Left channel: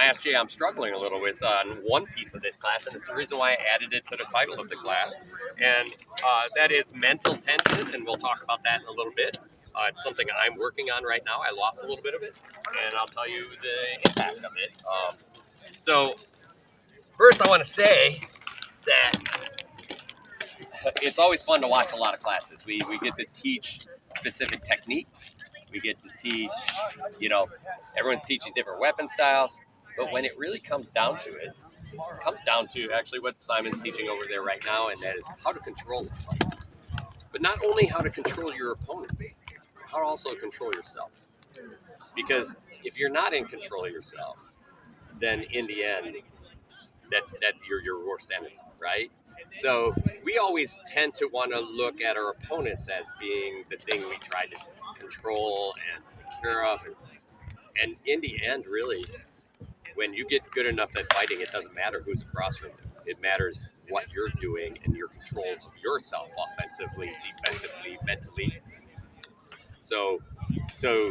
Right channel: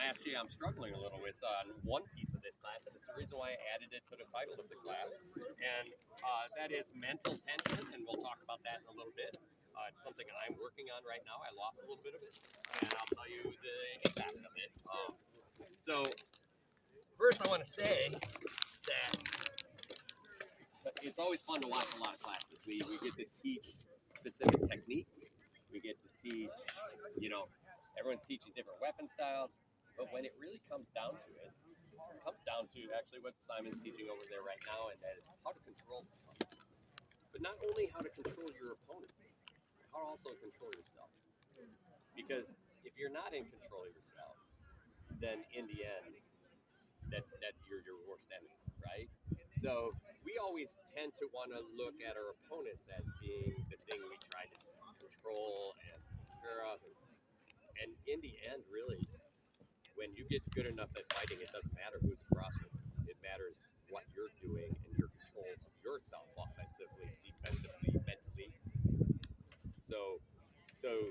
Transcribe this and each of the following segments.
Actually, I'm struggling a little with on one piece of this class, and it's the reason why I added it to the title of the class, and that is mental tension, and we'll talk about that in a little bit. It's something I'm working on right now. I lost a little bit of it, and I'll tell you the impact of it. So first, I want to say that it's always fun to watch a lot of classes. We get to teach specific techniques. We get to teach, you know, everyone's teaching different weapon styles. But when it really comes down to it, it comes down to actually what Simon's teaching over there right now, and that is how to control the fight. But not only how to control your opponent, how to also control yourself. Because if you're not in control of yourself, then in the end, that you're your worst enemy, right? So we always tend to want to look at our opponents as being the thing we try to control and take care of, and in the end, really, when you get good enough at fighting, it doesn't matter who's across from you. It matters what you're doing and your controls of yourself, offensively, defensively, mentally. So, so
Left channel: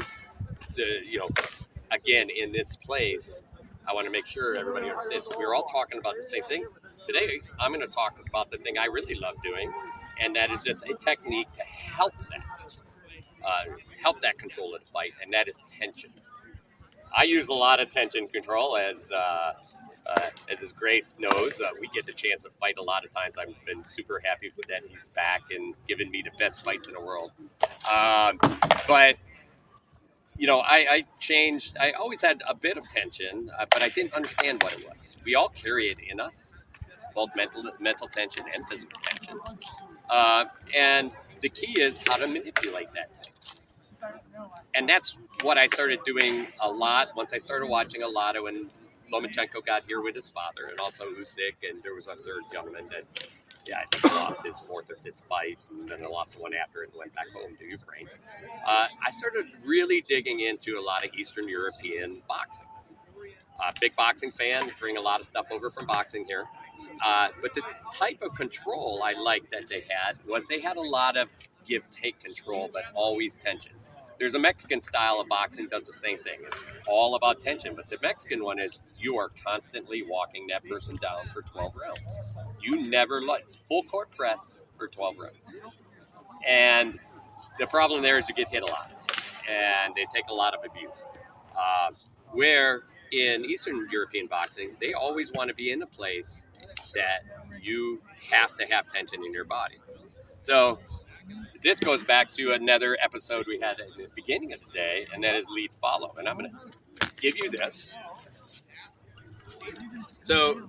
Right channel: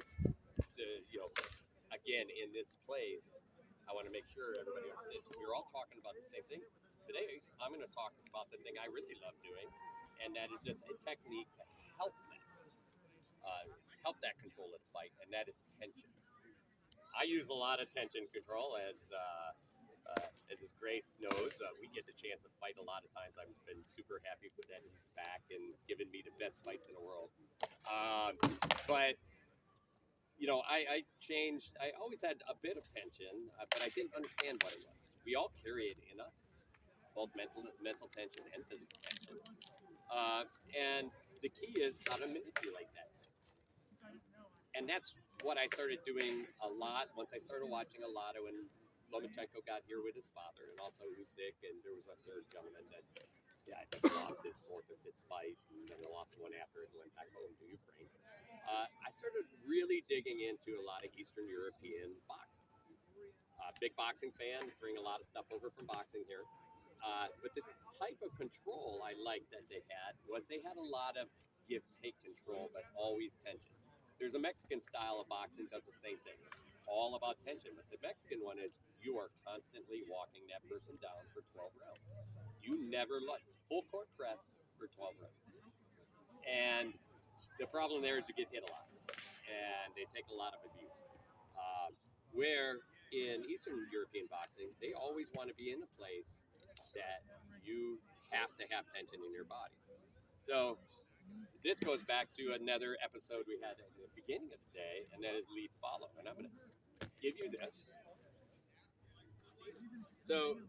the again, in this place, I want to make sure everybody understands we're all talking about the same thing. Today, I'm going to talk about the thing I really love doing, and that is just a technique to help that control of the fight, and that is tension. I use a lot of tension control, as his Grace knows. We get the chance to fight a lot of times. I've been super happy that he's back and giving me the best fights in the world. But I changed. I always had a bit of tension, but I didn't understand what it was. We all carry it in us, both mental tension and physical tension. And the key is how to manipulate that. And that's what I started doing a lot once I started watching a lot of when Lomachenko got here with his father, and also Usyk, and there was a third gentleman that, yeah, I think he lost his fourth or fifth fight, and then they lost the one after it and went back home to Ukraine. I started really digging into a lot of Eastern European boxing. Big boxing fan, bring a lot of stuff over from boxing here. But the type of control I liked that they had was they had a lot of give-take control, but always tension. There's a Mexican style of boxing does the same thing. It's all about tension, but the Mexican one is you are constantly walking that person down for 12 rounds. You never let full court press for 12 rounds. And the problem there is you get hit a lot, and they take a lot of abuse. Where in Eastern European boxing, they always want to be in a place that you have to have tension in your body. So this goes back to another episode we had at the beginning of today, and that is lead follow. And I'm going to give you this. So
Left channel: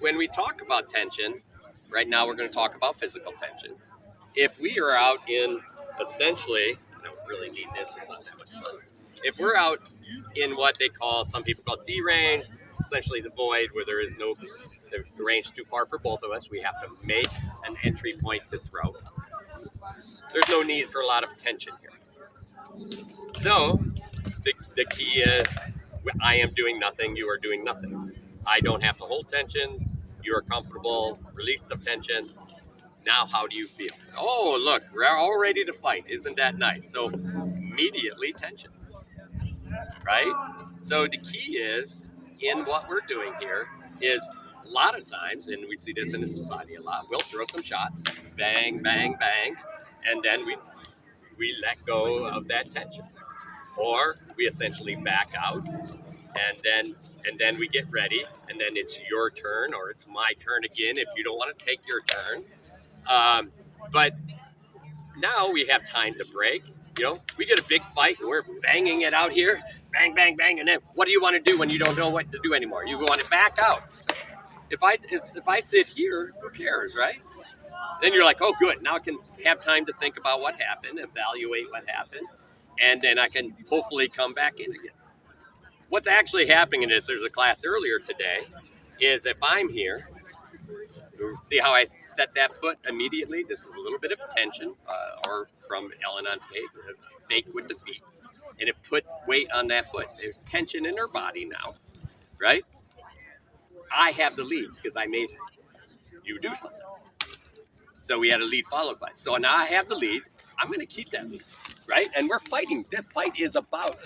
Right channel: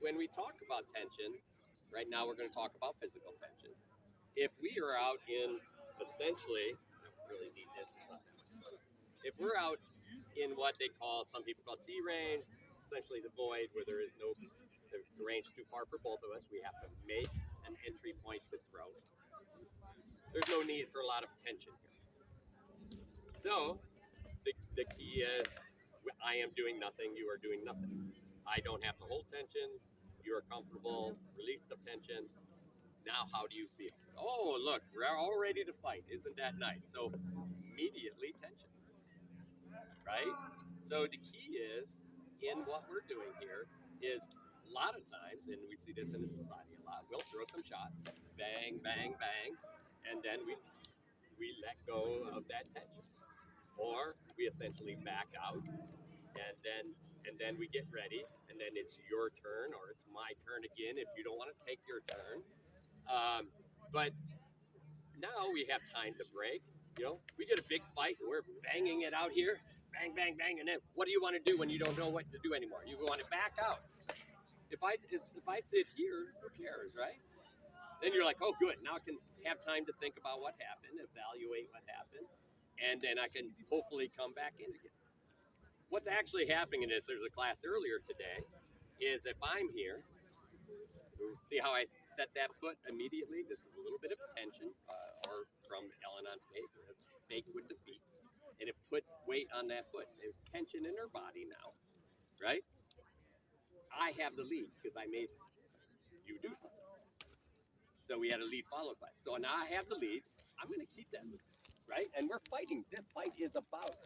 when we talk about tension, right now we're going to talk about physical tension. If we are out in essentially, I don't really need this without that much sun. If we're out in what they call, some people call D range, essentially the void where there is no, the range too far for both of us, we have to make an entry point to throw. There's no need for a lot of tension here. So the key is I am doing nothing, you are doing nothing. I don't have to hold tension, you are comfortable, release the tension. Now, how do you feel? Oh, look, we're all ready to fight. Isn't that nice? So immediately tension, right? So the key is in what we're doing here is a lot of times, and we see this in the society a lot, we'll throw some shots, bang, bang, bang, and then we let go of that tension. Or we essentially back out and then we get ready, and then it's your turn or it's my turn again if you don't want to take your turn. But now we have time to break. We get a big fight and we're banging it out here, bang, bang, bang, and then what do you want to do when you don't know what to do anymore? You want to back out. If I sit here, who cares, right? Then you're like, oh, good. Now I can have time to think about what happened, evaluate what happened, and then I can hopefully come back in again. What's actually happening is there's a class earlier today, is if I'm here, see how I set that foot immediately? This is a little bit of tension, or from Ellen on skate, fake with the feet. And it put weight on that foot. There's tension in her body now, right? I have the lead because I made you do something. So we had a lead follow class. So now I have the lead. I'm going to keep that lead. right? And we're fighting. The fight is about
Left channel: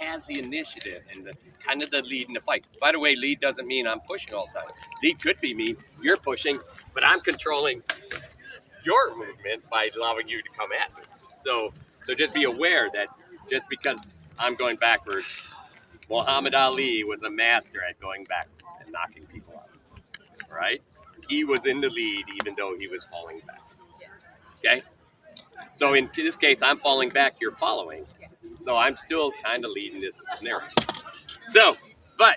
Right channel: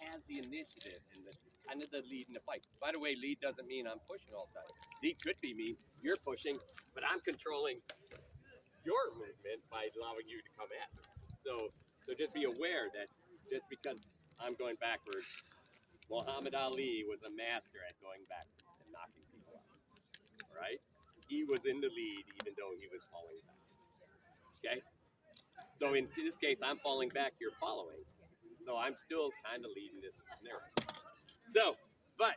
has the initiative and the kind of the lead in the fight. By the way, lead doesn't mean I'm pushing all the time. Lead could be mean you're pushing, but I'm controlling your movement by allowing you to come at me. So just be aware that just because I'm going backwards, Muhammad Ali was a master at going backwards and knocking people out. Right? He was in the lead even though he was falling back. Okay? So in this case, I'm falling back, you're following. So I'm still kind of leading this scenario. So, but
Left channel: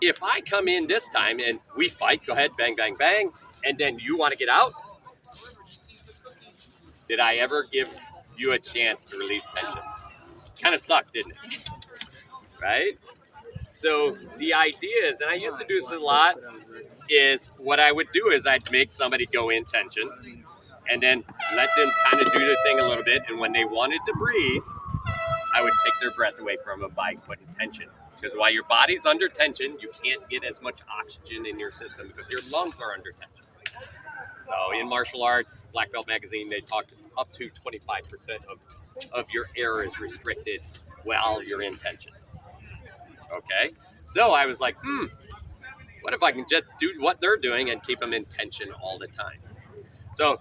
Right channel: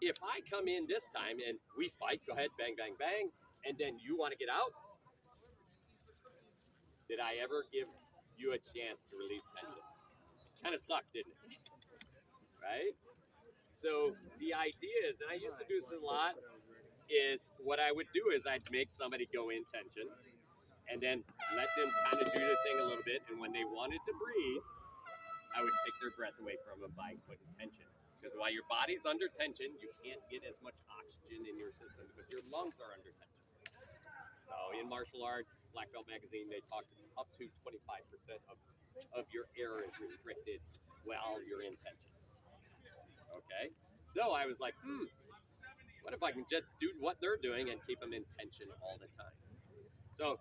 if I come in this time and we fight, go ahead, bang, bang, bang, and then you want to get out, did I ever give you a chance to release tension? Kind of sucked, didn't it? Right? So the idea is, and I used to do this a lot, is what I would do is I'd make somebody go in tension and then let them kind of do their thing a little bit. And when they wanted to breathe, I would take their breath away from them by putting tension. Because while your body's under tension, you can't get as much oxygen in your system because your lungs are under tension. So in martial arts, Black Belt Magazine, they talked up to 25% of your air is restricted while you're in tension. Okay? So I was like, what if I can just do what they're doing and keep them in tension all the time? So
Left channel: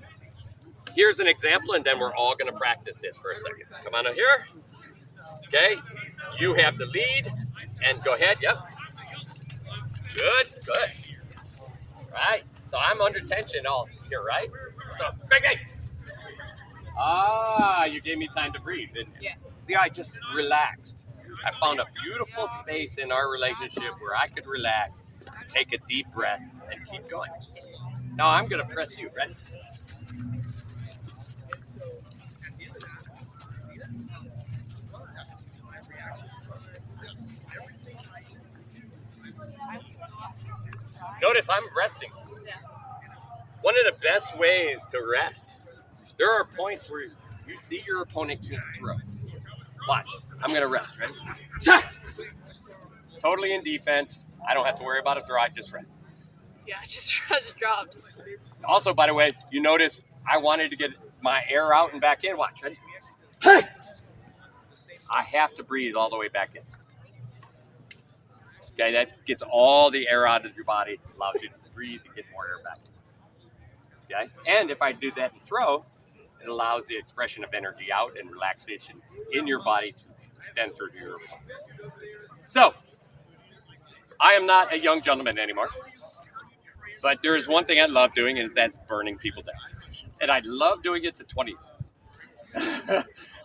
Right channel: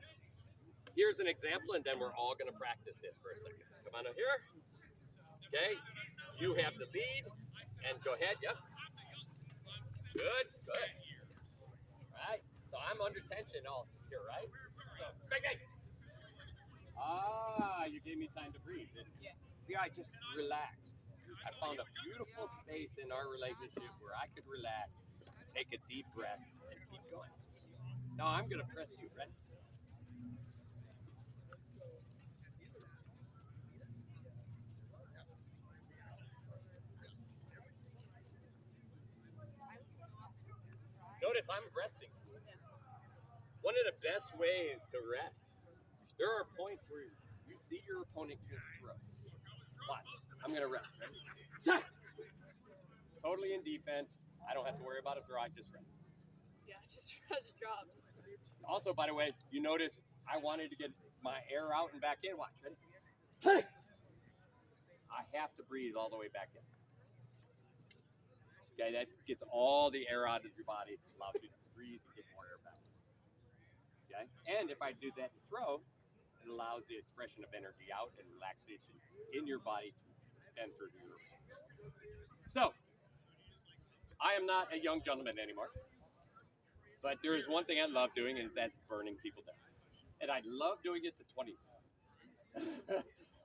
here's an example, and then we're all going to practice this for a second. Come on over here. Okay? You have the lead, and go ahead. Yep. Good. Right? So I'm under tension all here, right? So, bang, bang. You gave me time to breathe, didn't you? Yeah. See, I just relaxed. I found a beautiful space in our relationship where I could relax, take a deep breath, and keep going. Now I'm going to press you. Ready? Notice I'm resting. One of the best ways to rest, there are points where you see your opponent can't throw. Watch. I'm going to rest. Ready? Totally in defense. I don't have to worry about a throw. I just rest. Yeah, I just dropped. Also, by the way, you notice I wanted to get my air out and back in. Watch. Ready? Hey! I have to breathe all the way back in. Okay, that gets all the air out of your body, allows you to breathe and get more air back. Okay, and if I do that and throw, it allows the expression of energy out and relaxation in your body to extend through to your opponent. So, I am not a young gentleman anymore, but there is one thing I love doing, and that's burning people down. And I love doing it to 20.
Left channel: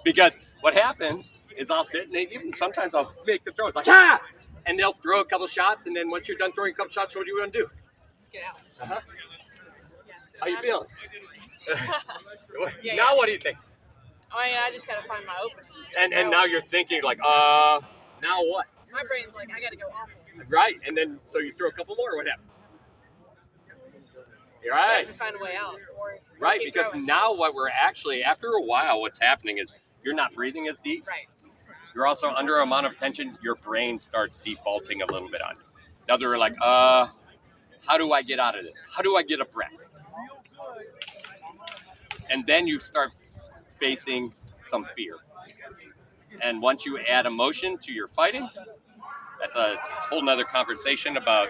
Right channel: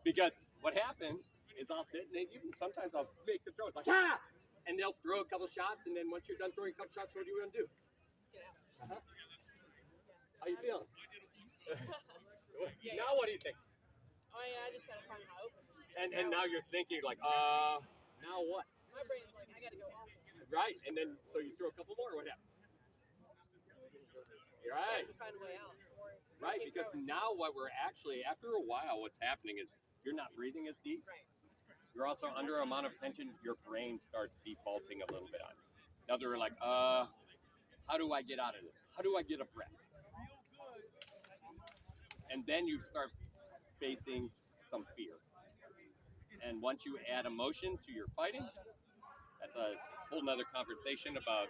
Because what happens is I'll sit and even sometimes I'll make the throw. It's like, ah! And they'll throw a couple shots, and then once you're done throwing a couple shots, what do you want to do? Get out. Uh-huh. How you feeling? Yeah, now what do you think? Oh yeah, I just gotta find my opening. And now you're thinking like, now what? My brain's like, I gotta go off. Right, and then so you throw a couple more. What happens? You're I right. have to find a way out. Or Right, keep because throwing. now what we're actually, after a while, what's happening is you're not breathing as deep. Right. You're also under an amount of tension. Your brain starts defaulting a little bit on you. Now they're like, how do I get out of this? How do I get a breath? And then you start facing some fear. And once you add emotion to your fighting, that's a whole nother conversation about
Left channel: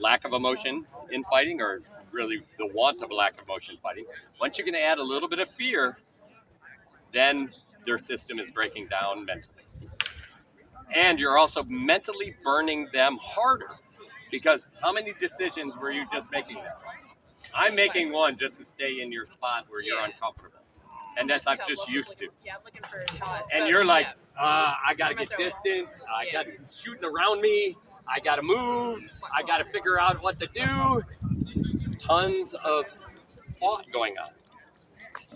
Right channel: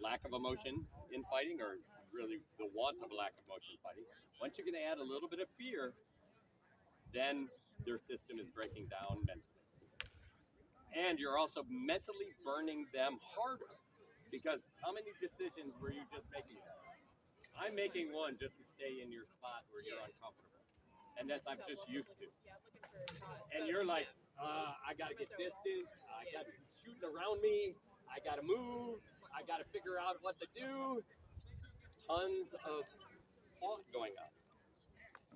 lack of emotion in fighting, or really the want of a lack of emotion in fighting. Once you can add a little bit of fear, then their system is breaking down mentally. And you're also mentally burning them harder, because how many decisions were you just making there? I'm making one just to stay in your spot where you're uncomfortable. And that's I'm just used to. Yeah, I'm looking for shots. And you're like, I gotta get distance, I got shooting around me, I gotta move, I gotta figure out what to do. Tons of thought going on.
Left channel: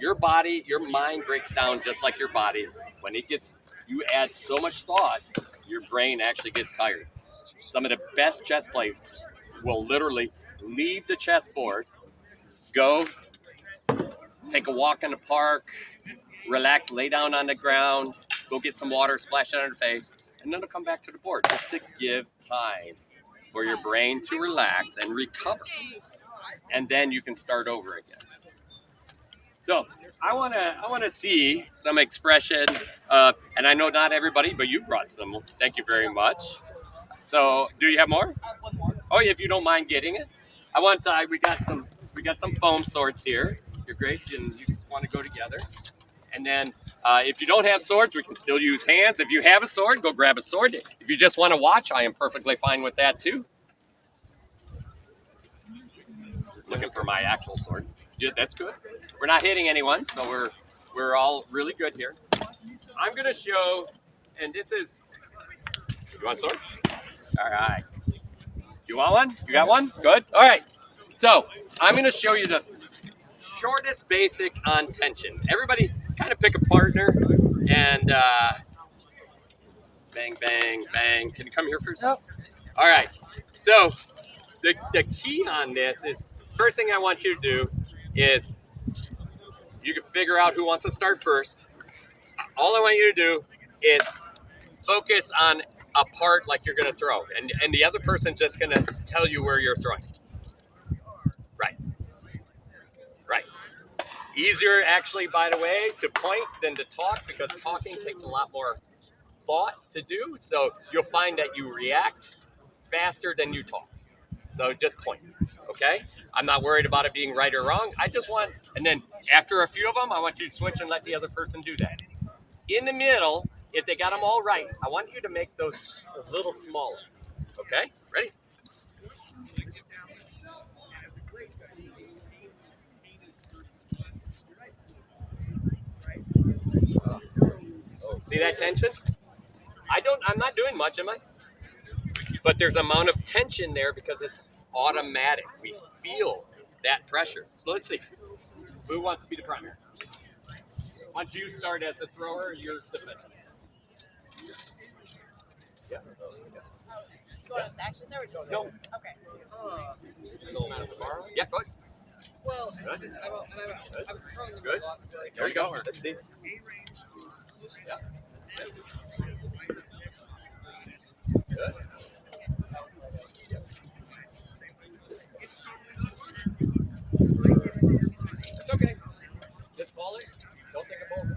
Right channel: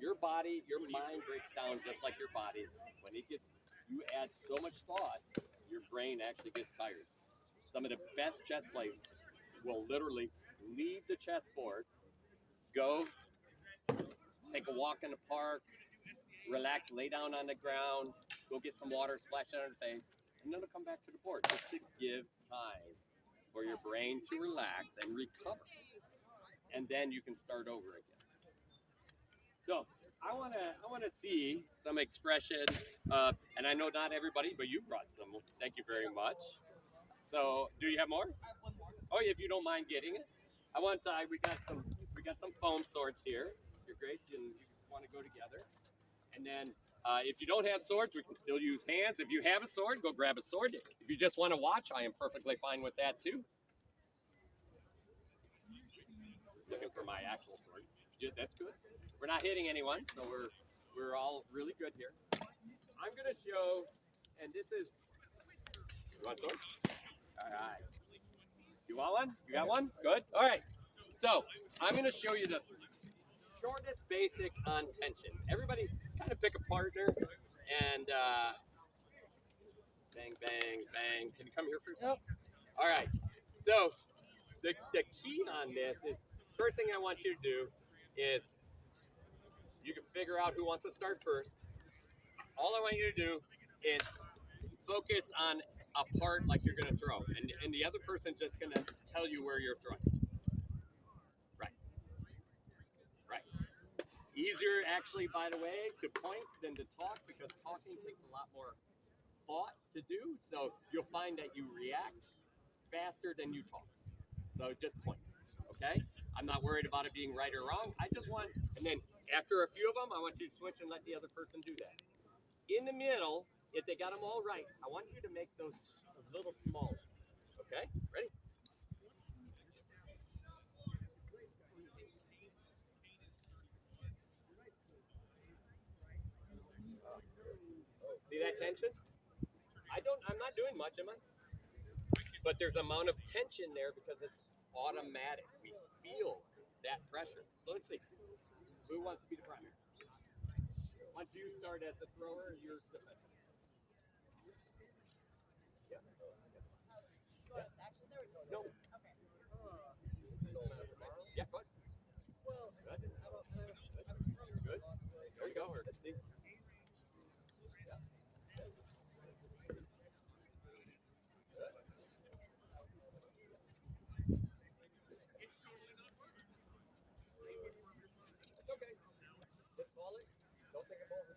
Your body, your mind breaks down just like your body. When it gets, you add so much thought, your brain actually gets tired. Some of the best chess players will literally leave the chessboard, go take a walk in the park, relax, lay down on the ground, go get some water, splash it on their face, and then they'll come back to the board just to give time for your brain to relax and recover. And then you can start over again. So I wanna see some expression. And I know not everybody, but you brought some. Thank you very much. So, do you have more? Oh, if you don't mind getting it, I want. We got some foam swords here. You're great, and you want to go together. And then, if you don't have swords, we can still use hands. If you have a sword, go grab a sword. If you just want to watch, I am perfectly fine with that too. Looking for my actual sword. Yeah, that's good. We're not hitting anyone, so we're all really good here. I'm gonna show, and this is. You want a sword? All right. You want one? You got one? Good. All right. So I'm gonna show you the shortest basic on tension. Everybody, kind of pick a partner, and bang, bang, bang. Can you come here for a second? All right. So the key on this is first thing I want you to do is you can figure out who wants to start first. All I want you to do is focus on a part like you're gonna throw, and the other person's just gonna tell you where you're throwing. Right. Right. Easier actually, by the way, to point than to talk because talking takes a lot more thought to do. So you'll find that you react faster than you talk. So just point. Okay? I'm not worried about it being right or wrong. I just want, and then after a few of them, I want you to switch and let the other person do that. In the middle, if they got them all right, I want you to make those a little smaller. Okay? Ready? See that tension? I'm not doing much, am I? But there's amount of tension there because it's automatic. We feel that pressure. So let's see. Who wants to be the primary? Once you start as a thrower, you're defensive. Yeah. You want us to action there? Or go No. Okay. Yeah, go ahead. Well, it's just I'm throwing them Good. a lot. There we go. Let's see. Yeah. Good. It's okay. Just call it. Don't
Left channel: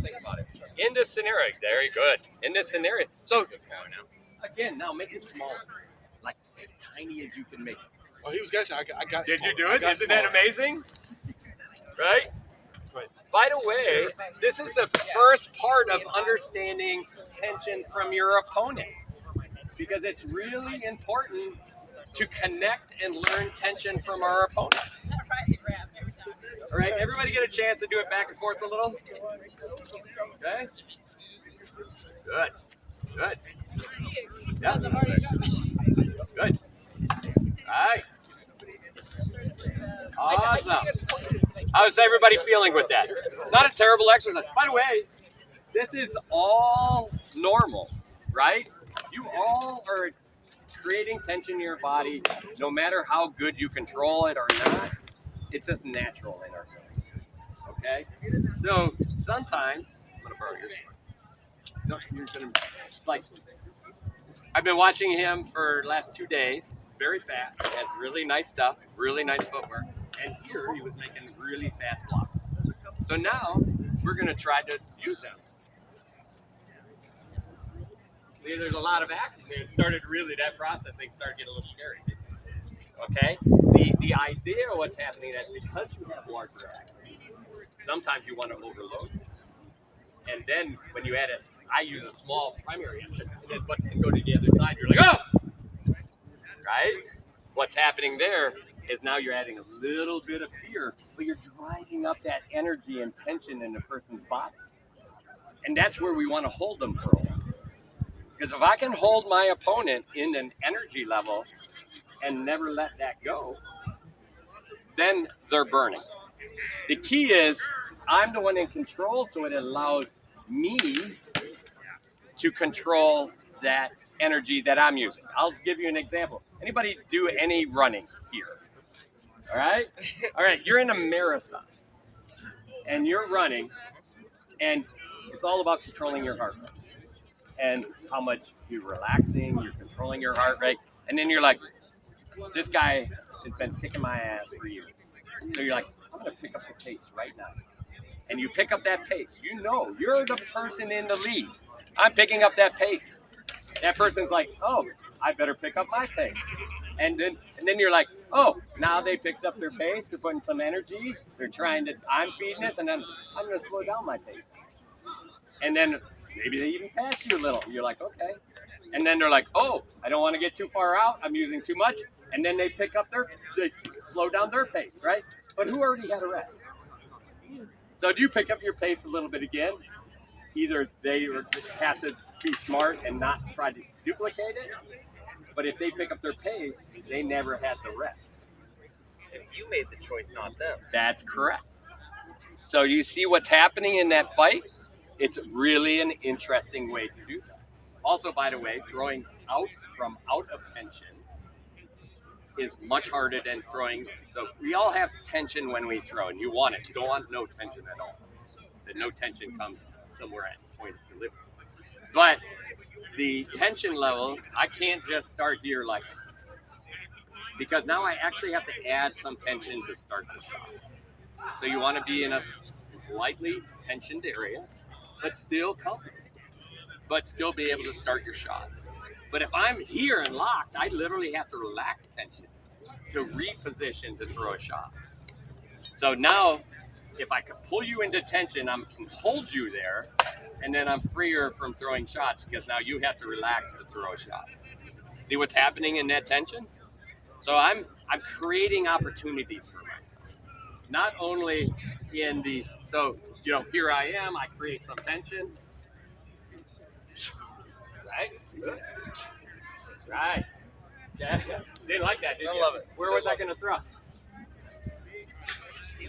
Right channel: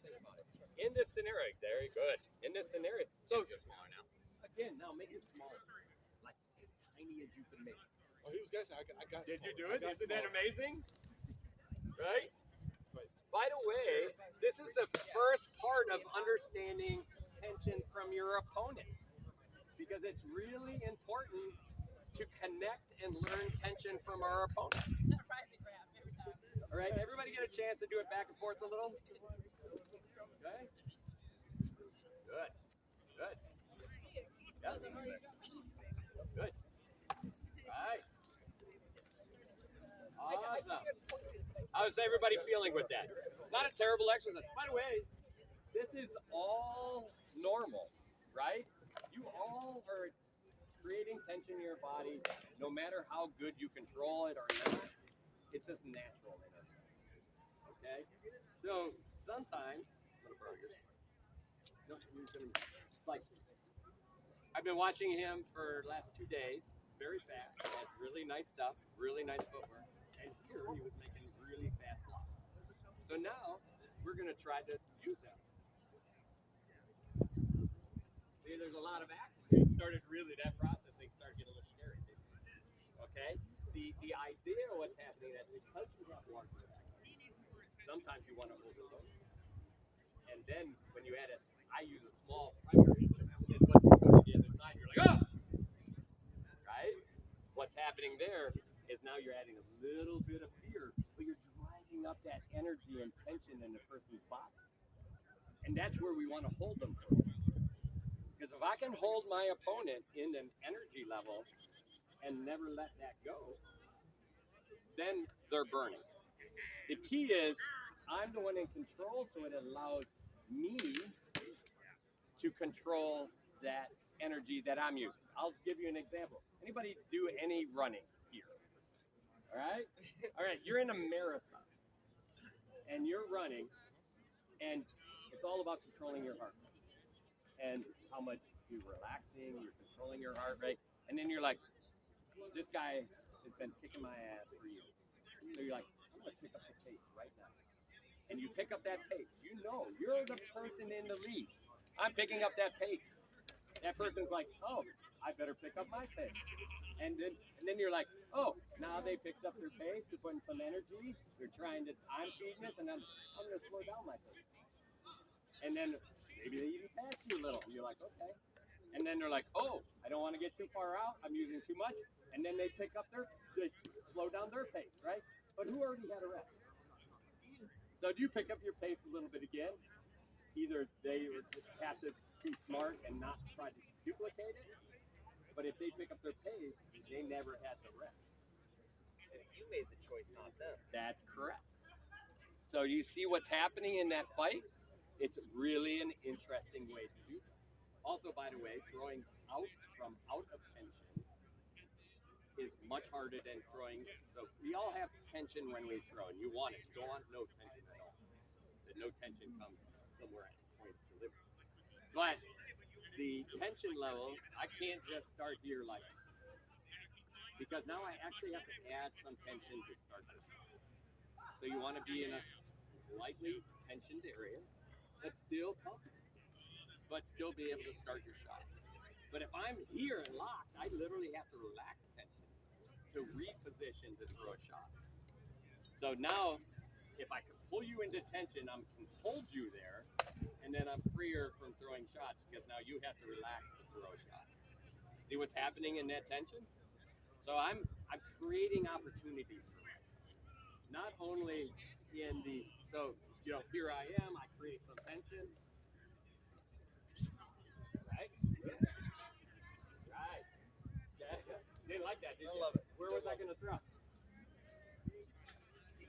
think about it. In this scenario, very good. In this scenario, so again, now make it smaller, like as tiny as you can make it. Oh, he was guessing. I got. Did you smaller. do I it? got Isn't that smaller. amazing? Right? Right. By the way, this is the first part of understanding tension from your opponent because it's really important to connect and learn tension from our opponent. All right, everybody get a chance to do it back and forth a little? Okay? Good. Good. Yeah. Good. All right. Awesome. How's everybody feeling with that? Not a terrible exercise. By the way, this is all normal, right? You all are creating tension in your body, no matter how good you control it or not. It's just natural in ourselves. Okay? So sometimes, I'm gonna borrow yours. No, you're gonna like. I've been watching him for the last 2 days. Very fast. Has really nice stuff. Really nice footwork. And here he was making really fast blocks. So now we're gonna try to use him. See, there's a lot of action. It started really that processing started getting a little scary. Okay? The idea of what's happening is because you have larger action, sometimes you want to overload. And then when you add it, I use a small primary engine, and then but you go to the other side, you're like, oh! Right? What's happening there is now you're adding a little bit of fear, but you're driving up that energy and tension in the person's body. And that's where we want to hold them for a while. Because if I can hold my opponent in an energy level and never let that go, then they're burning. The key is I'm the one in control, so it allows me to control that energy that I'm using. I'll give you an example. Anybody do any running here? All right? All right, you're in a marathon and you're running, and it's all about controlling your heart rate and how much you're relaxing, you're controlling your heart rate, and then you're like, this guy has been kicking my ass for years. So you're like, I'm gonna pick up the pace right now. and you pick up that pace. You know, you're the person in the lead. I'm picking up that pace. That person's like, oh, I better pick up my pace. And then you're like, oh, now they picked up their pace. They're putting some energy. They're trying to. I'm feeding it, and then I'm going to slow down my pace. And then maybe they even pass you a little. You're like, okay. And then they're like, oh, I don't want to get too far out. I'm using too much. And then they they slow down their pace, right? But who already had a rest? So do you pick up your pace a little bit again? Either they have to be smart and not try to duplicate it, but if they pick up their pace, they never had the rest. If you made the choice, not them. That's correct. So you see what's happening in that fight? It's really an interesting way to do that. Also, by the way, throwing out from out of tension is much harder than throwing. So we all have tension when we throw, and you want it. You don't want no tension at all. The no tension comes somewhere at the point of delivery. But the tension level, I can't just start here like, because now I actually have to add some tension to start the shot. So you want to be in a slightly tensioned area, but still comfortable, but still be able to start your shot. But if I'm here and locked, I literally have to relax tension to reposition to throw a shot. So now, if I can pull you into tension, I can hold you there, and then I'm freer from throwing shots because now you have to relax to throw a shot. See what's happening in that tension? So I'm creating opportunities for myself. Not only in the, so, you know, here I am, I create some tension. Right? Good. Right. Yeah. Didn't like that, did you? I love it. Where was I going to throw? See,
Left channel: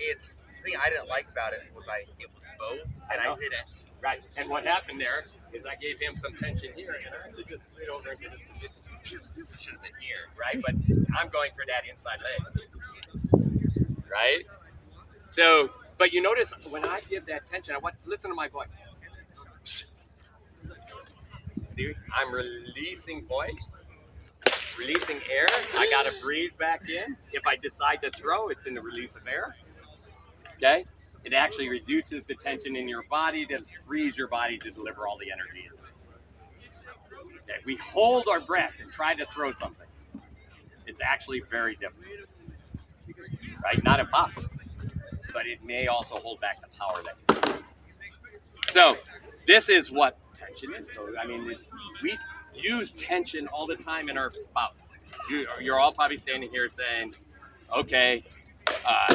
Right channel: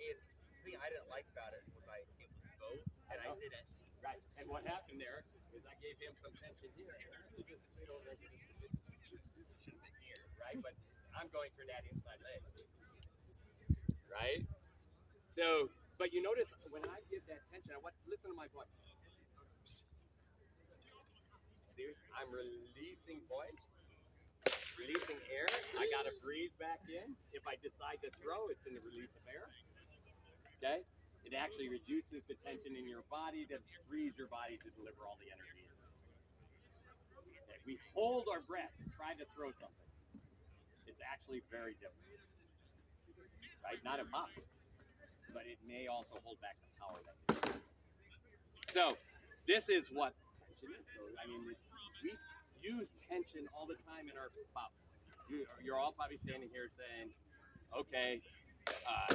it's the thing I didn't like about it was it was both, and I did it. Right. And what happened there is I gave him some tension here, and I really just slid over into this position. Should have been here, right? But I'm going for that inside leg. Right? So, but you notice when I give that tension, I want listen to my voice. See, I'm releasing voice, releasing air. I got to breathe back in. If I decide to throw, it's in the release of air. Okay? It actually reduces the tension in your body to frees your body to deliver all the energy. Okay? We hold our breath and try to throw something. It's actually very difficult. Right? Not impossible. But it may also hold back the power that you have. So, this is what tension is. So, I mean, we use tension all the time in our bouts. You're all probably standing here saying, okay,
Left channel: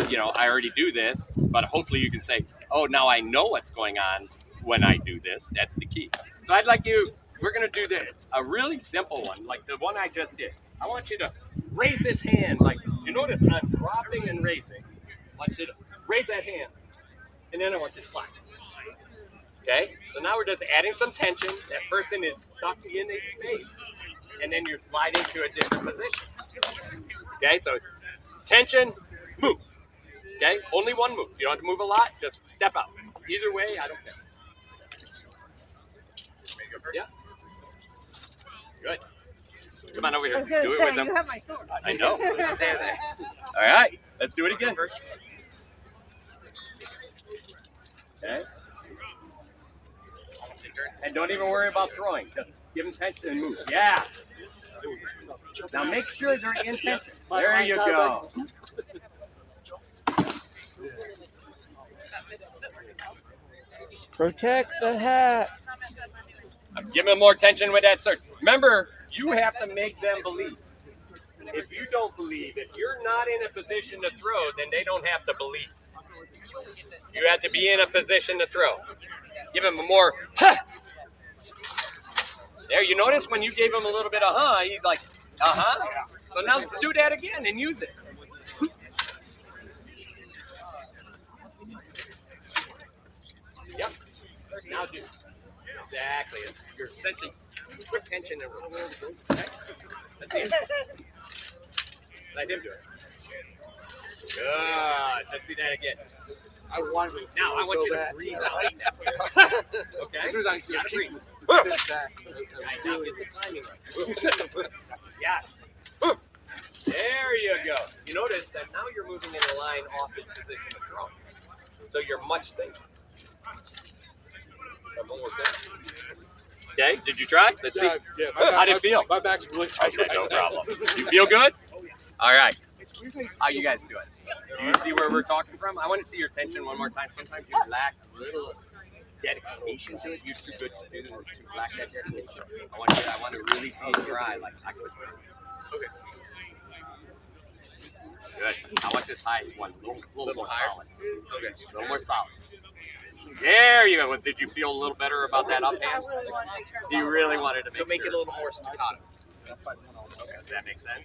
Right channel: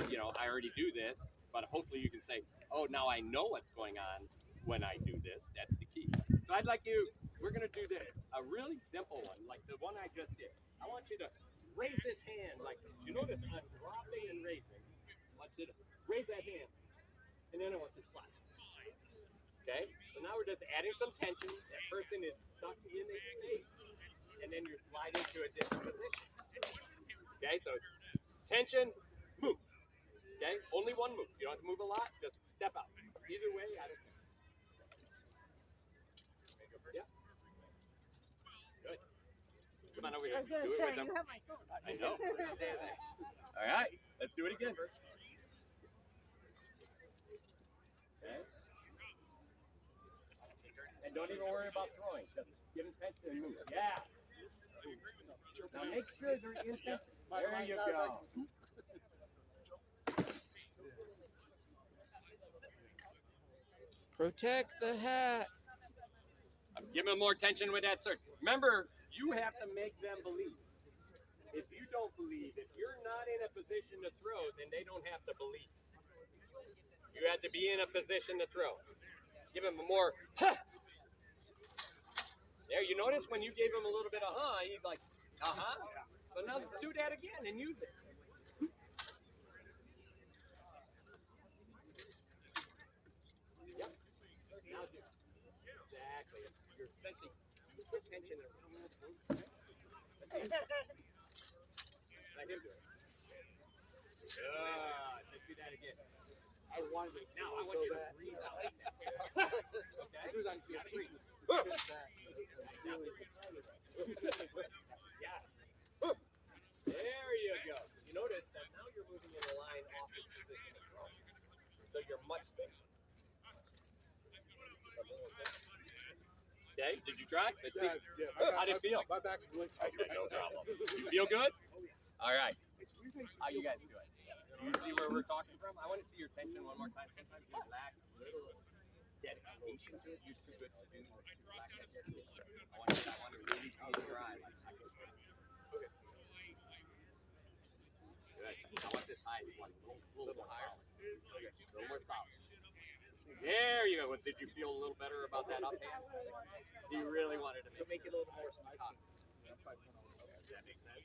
you know, I already do this, but hopefully you can say, oh, now I know what's going on when I do this. That's the key. So I'd like you, we're going to do this, a really simple one, like the one I just did. I want you to raise this hand, like, you notice I'm dropping and raising. I want you to raise that hand, and then I want you to slide. Okay, so now we're just adding some tension. That person is stuck in a space, and then you're sliding to a different position. Okay, so tension, move. Okay, only one move. You don't have to move a lot. Just step out. Either way, I don't care. Yeah. Good. Come on over here. I was gonna Do it say, with them. you have my sword. I know. All right, let's do it again. Okay. And don't even worry about throwing. Just give them tension and move. Yes. Now make sure they're in tension. There you go. Protect the hat. Give them more tension with that search. Remember, you have to make them believe. If you don't believe, if you're not in a position to throw, then they don't have to believe. You have to be in a position to throw. Give him a more, huh. There, you notice when you gave him a little bit of he's like, uh-huh. So now do that again and use it. Yep. Now do. Exactly. You're essentially quick tension and okay. Let him do it. Good. Let's do that again. I wanted to. Now I want so you to bad. breathe out. Okay. As soon as I just Gotta keep breathe. this back, Right, now get the timing right. Yeah. There you go. You notice that now you're moving in a line off its position of throw. So you're much safer. Okay, did you try? Let's see. Yeah. How did it feel? My back's really tight. Okay, right no now. problem. You feel good? All right. It's weird that How you guys doing? Do you see where we're talking from? I want to see your tension one more time. Sometimes you lack a little dedication to it. You're too good to do this. To lack that dedication. I want to really see you try. Like I could. Okay. Good. I want this high one. A little more higher? solid. Okay. A little more solid. There you go. Did you feel a little better about that up hand? I really want to make sure. You really wanted to make So make it a sure. little more staccato. Okay, does that make sense?